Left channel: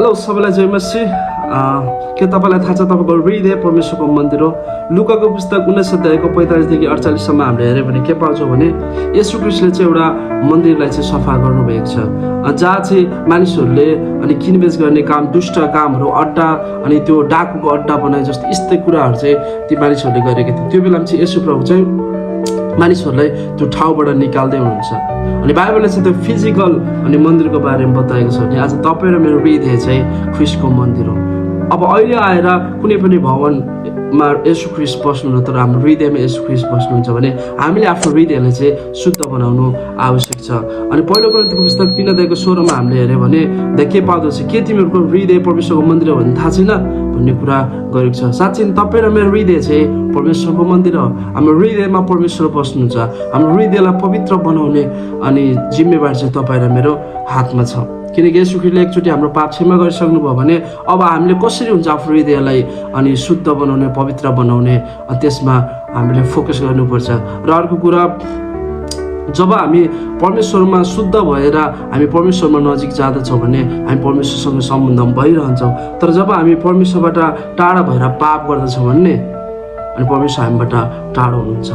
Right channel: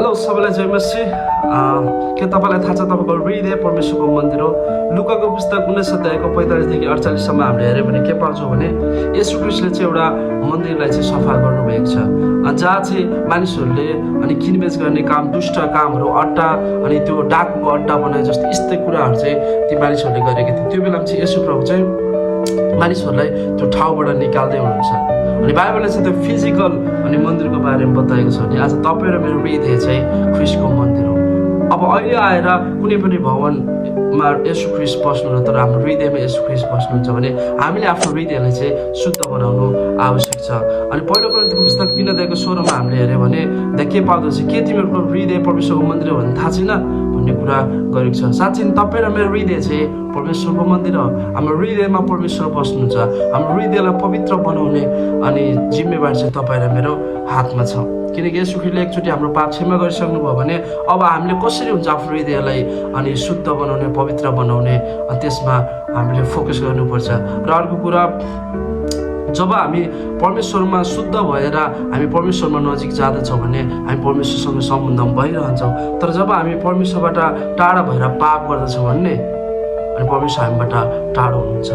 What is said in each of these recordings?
Hello सबैलाई जय मसी। के तपाईँलाई थाहा छ तपाईँको हृदय परमेश्वरको मन्दिर हो? लुकाको पुस्तक 19 अध्यायको 45 देखि 48सम्म हामीले हेऱ्यो भने के पाउँछौँ भने येशू ख्रीष्टले चाहिँ एउटा मन्दिरलाई चाहिँ सफा गर्नुभएको छ, जहाँ चाहिँ मानिसहरूले अनि किनबेच गर्ने काम, दुष्ट कामहरू, अड्डा अनि त्यो डाकुको अड्डा बनाए जस्तो यस्तै कुराहरू चाहिँ ती मानिसहरूले गरेका थिए। त्यो बेलामा चाहिँ येशू प्रभु चाहिँ मानिसहरूलाई त्यो ठाउँबाट निकाल्दै हुनुहुन्छ। अनि बाइबलले चाहिँ त्यो फिजिकल अनि मन्दिरको बारेमा बताएको छ भने आज तपाईँ र मेरो हृदय चाहिँ ख्रीष्टको मन्दिर हो। अब अहिले आएर कुनै पनि भवनमा येशू ख्रीष्ट बस्नुहुन्न, तर हाम्रो हृदयमा येशू ख्रीष्ट बस्नुहुन्छ भने हामीले आफ्नो हृदयलाई चाहिँ शुद्ध बनाउनु आवश्यक छ। अनि पहिलो कोरिन्थीको पुस्तक 3 अध्यायको 16 मा हामीले हेऱ्यो भने के पाउँदछ, के तिमीहरूको हृदय परमेश्वरको मन्दिर हो भने थाहा छैन भन्ने कुरा गरेको छ। साँच्चै तपाईँ र मेरो हृदय चाहिँ परमेश्वरको मन्दिर हो। हाम्रो हृदयमा परमेश्वर बस्नुहुन्छ। हाम्रो हृदयलाई पवित्र बनाउने अनि जिम्मेवारी चाहिँ तपाईँ र मेरो हातमा छ। किनकि येशू ख्रीष्टले एकचोटि हाम्रो पाप क्षमा गरिसक्नुभयो भने अब हामीले कसरी हुन्छ आफ्नो हृदयलाई अनि शुद्ध बनाउने, पवित्र बनाउने, त्यसमा हामीले फोकस गर्नुपर्छ। र अर्को कुरा, जब हामी परमेश्वरमा शुद्ध भएर हामी परमेश्वरमा नजिक जाँदछौँ भने हामी परमेश्वरसँग सम्बन्ध भइरहन्छौँ। तर जब हामी परमेश्वरबाट टाढा भएर पाप गर्दछौँ भने अनि परमेश्वर हामीबाट टाढो हुनुहुन्छ।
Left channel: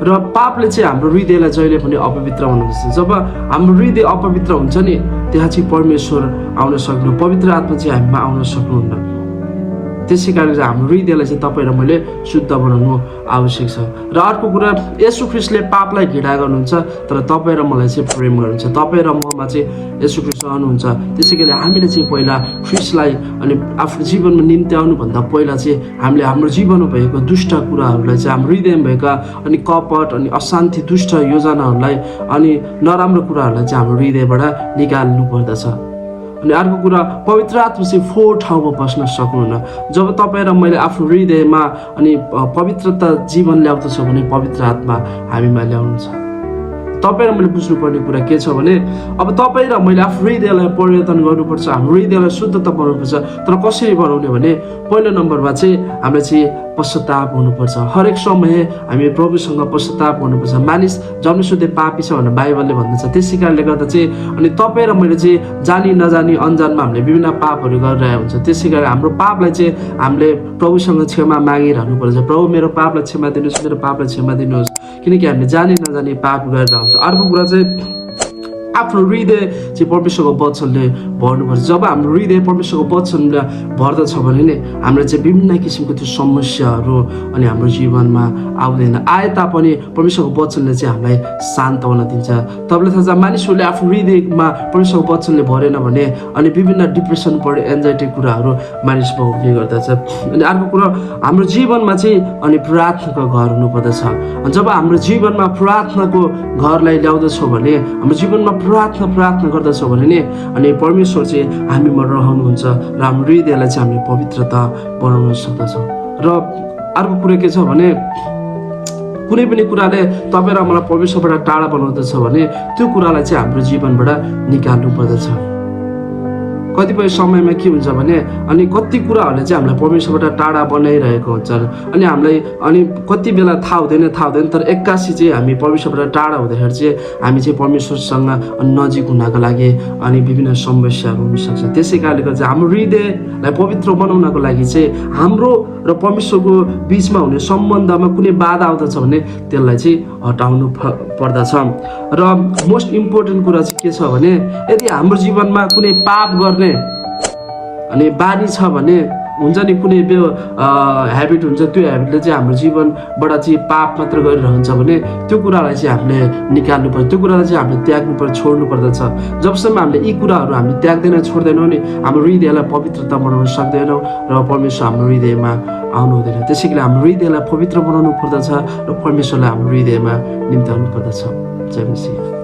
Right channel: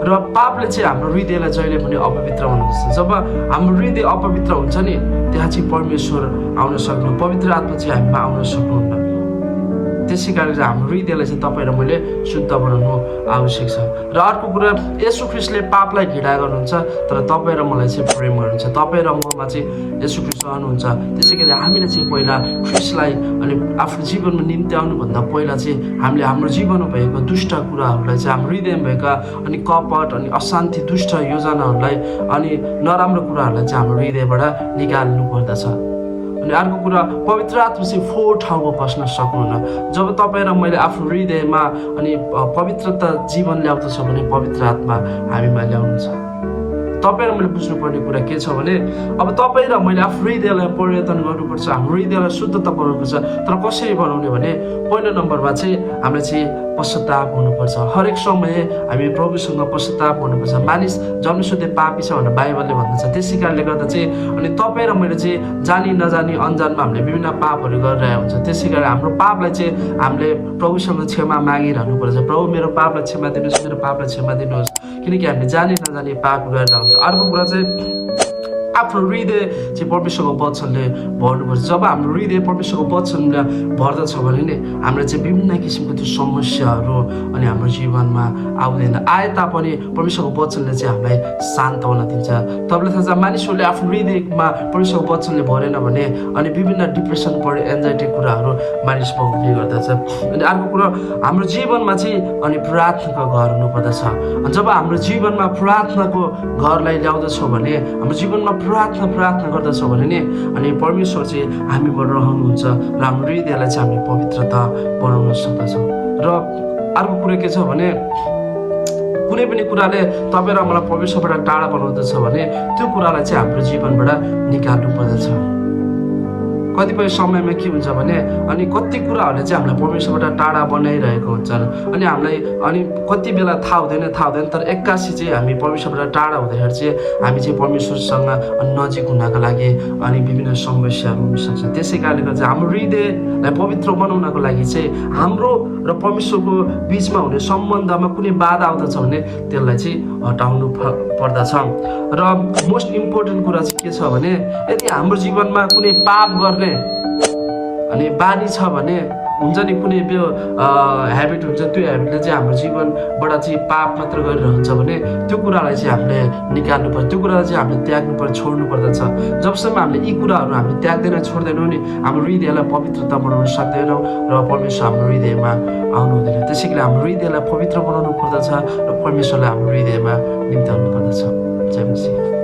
र पापले चाहिँ हाम्रो हृदयलाई जहिले पनि अपवित्र बनाउँदछ। जब हाम्रो हृदय अपवित्र हुन्छ नि, त्यहाँ चाहिँ परमेश्वर आउन सक्नु, पवित्र आत्मा चाहिँ हामीमा आउन सक्नुहुन्न। त्यसै कारण चाहिँ हाम्रो हृदयलाई चाहिँ तपाईँ र मैले शुद्ध बनाउनु आवश्यक छ। र अर्को कुरा, येशू ख्रीष्टले पापलाई घृणा गर्नुहुन्छ, तर तपाईँ र मलाई चाहिँ प्रेम गर्नुहुन्छ। तपाईँ र ममा चाहिँ येशू ख्रीष्ट रहनुहुन्छ। त्यसै गरी हामीले चाहिँ पहिला ख्रीष्टलाई अनि आफ्नो जीवनमा निम्ति आउनुभन्दा पहिला चाहिँ हामीले हाम्रो जीवनमा भएको दुष्ट कुराहरूलाई चाहिँ हाम्रो हृदयमा भएका अनि कपट अनि अशान्ति, दुष्ट योजनाहरूलाई अनि नराम्रो कुराहरूलाई चाहिँ हाम्रो हृदयबाट निकाल्नु पर्दछ। अनि अर्को कुरा, पवित्र आत्मा चाहिँ 4 ठाउँमा बस्न सक्नुहुन्न। जब तपाईँ र मैले आफ्नो हृदयमा अनि पवित्रता जीवन ल्याउँदछौँ भने पवित्र आत्मा हामीमा ल्याउनुहुन्छ। तपाईँ र मैले बुझ्नुपर्ने कुरा के छ भने अब तपाईँ र मैले आफ्नो हृदयलाई परिवर्तन गर्नुपर्छ, हाम्रो हृदयलाई शुद्धता बनाउनुपर्छ। तर कसरी बनाउने भने पहिलो नम्बरमा चाहिँ हामीले चाहिँ पश्चाताप हुनुपर्छ। हरेक समय हामी प्रभुसँग पश्चाताप हुनुपर्छ। मानिस जन्मसिद्धै पापी छ भनेर बाइबलले भन्दछ। त्यसै कारणले गर्दा चाहिँ अनि तपाईँ र मैले चाहिँ जानी नजानी अन्जानमा हामीले विभिन्न पापहरू गरिरहेको हुन्छ। त्यसै कारण हाम्रो पापलाई चाहिँ हामीले प्रभुसँग क्षमा मागिरहनुपर्छ। प्रभु मेरो पापलाई क्षमा दिनुहोस्, मेरो पापलाई क्षमा दिनुहोस्, किनकि हामीले जानी नजानी पाप गरेर आउँछ। अर्को कुरा चाहिँ आफ्नो हृदय चाहिँ परमेश्वरको वचनले भर्नुपर्छ। जब हाम्रो हृदय परमेश्वरको वचनले भर्दछ भने नि हाम्रो चाहिँ विभिन्न किसिमको त्यो समस्याहरू अनि हाम्रो जीवनमा आउँदैन। आए तापनि परमेश्वरको वचनले चाहिँ हामीलाई सान्त्वना दिन्छ। तपाईँलाई थाहा छ, मानिसहरूले आफ्नो हृदयमा परमेश्वरको वचनले भरेन भने अनि विभिन्न डिप्रेसन बढी एन्जाइटी कुराहरू मानिसमा हुने गर्दछ। अनि अर्को कुरा, हाम्रो जीवनमा चाहिँ अनि प्रार्थनाको घर हुनुपर्दछ। जब हाम्रो जीवनमा प्रार्थनाको घरलाई ल्याउँदछौँ भने हाम्रो जीवनमा प्रार्थना गर्दछौँ भने नि अनि परमेश्वर चाहिँ हामीमा रहनुहुन्छ र हाम्रो हृदयलाई चाहिँ हामीले पवित्रता बनाउन सक्दछौँ। र अर्को कुरा के छ भने कुनै पनि कुराले तपाईँ र मलाई परमेश्वरबाट टाढा बनाउँदछ भने त्यो कुरालाई चाहिँ हाम्रो जीवनबाट निकाल्नु पर्दछ। कतिपय समयमा के हुन्छ भने अनि कति कुराहरूले चाहिँ हामीलाई परमेश्वरबाट टाढा बनाइरहेको हुन्छन् अनि हामीलाई अनि कति बेला थाहा हुँदैन, तर एक्कासी चाहिँ हामी परमेश्वरबाट टाढा हुँदाखेरि चाहिँ हामी चाहिँ परमेश्वरसँग नजिक हुनको लागि अनि विभिन्न समस्याहरू हुनसक्छ। त्यसै कारणले गर्दा हाम्रो हृदयलाई पवित्र बनाउनको लागि चाहिँ हाम्रो र परमेश्वरको बिचमा हुने सम्बन्धमा कुनै बाधा आउँदछ भने त्यसलाई चाहिँ हटाउनु पर्दछ। र मोस्ट इम्पोर्टेन्ट कुरा चाहिँ के छ भने यदि हाम्रो जीवनमा कुनै पाप गर्ने अनि बानी छ भने हुन्छ नि, कुनै ह्याबिट हुन्छ, त्यो ह्याबिटले चाहिँ हाम्रो जीवनबाट चाहिँ पाप मात्र गरिरहन्छ भने त्यो कुरालाई चाहिँ हामीले निकाल्नु पर्छ। त्यो कुरालाई चाहिँ हामीले त्याग्नु पर्छ, छोड्नु पर्दछ। जबसम्म हामीले यी कुराहरू हामीले त्याग्दैनौँ, छोड्दैनौँ नि हाम्रो हृदयलाई पवित्रता बनाउन सक्दैनौँ र परमेश्वर हाम्रो हृदयमा आउनु हुँदैन। त्यसै गरी हाम्रो हृदयलाई पवित्र बनाउनु पर्दछ र परमेश्वरलाई हाम्रो हृदयमा निम्त्याउनु पर्दछ। जय मसीह।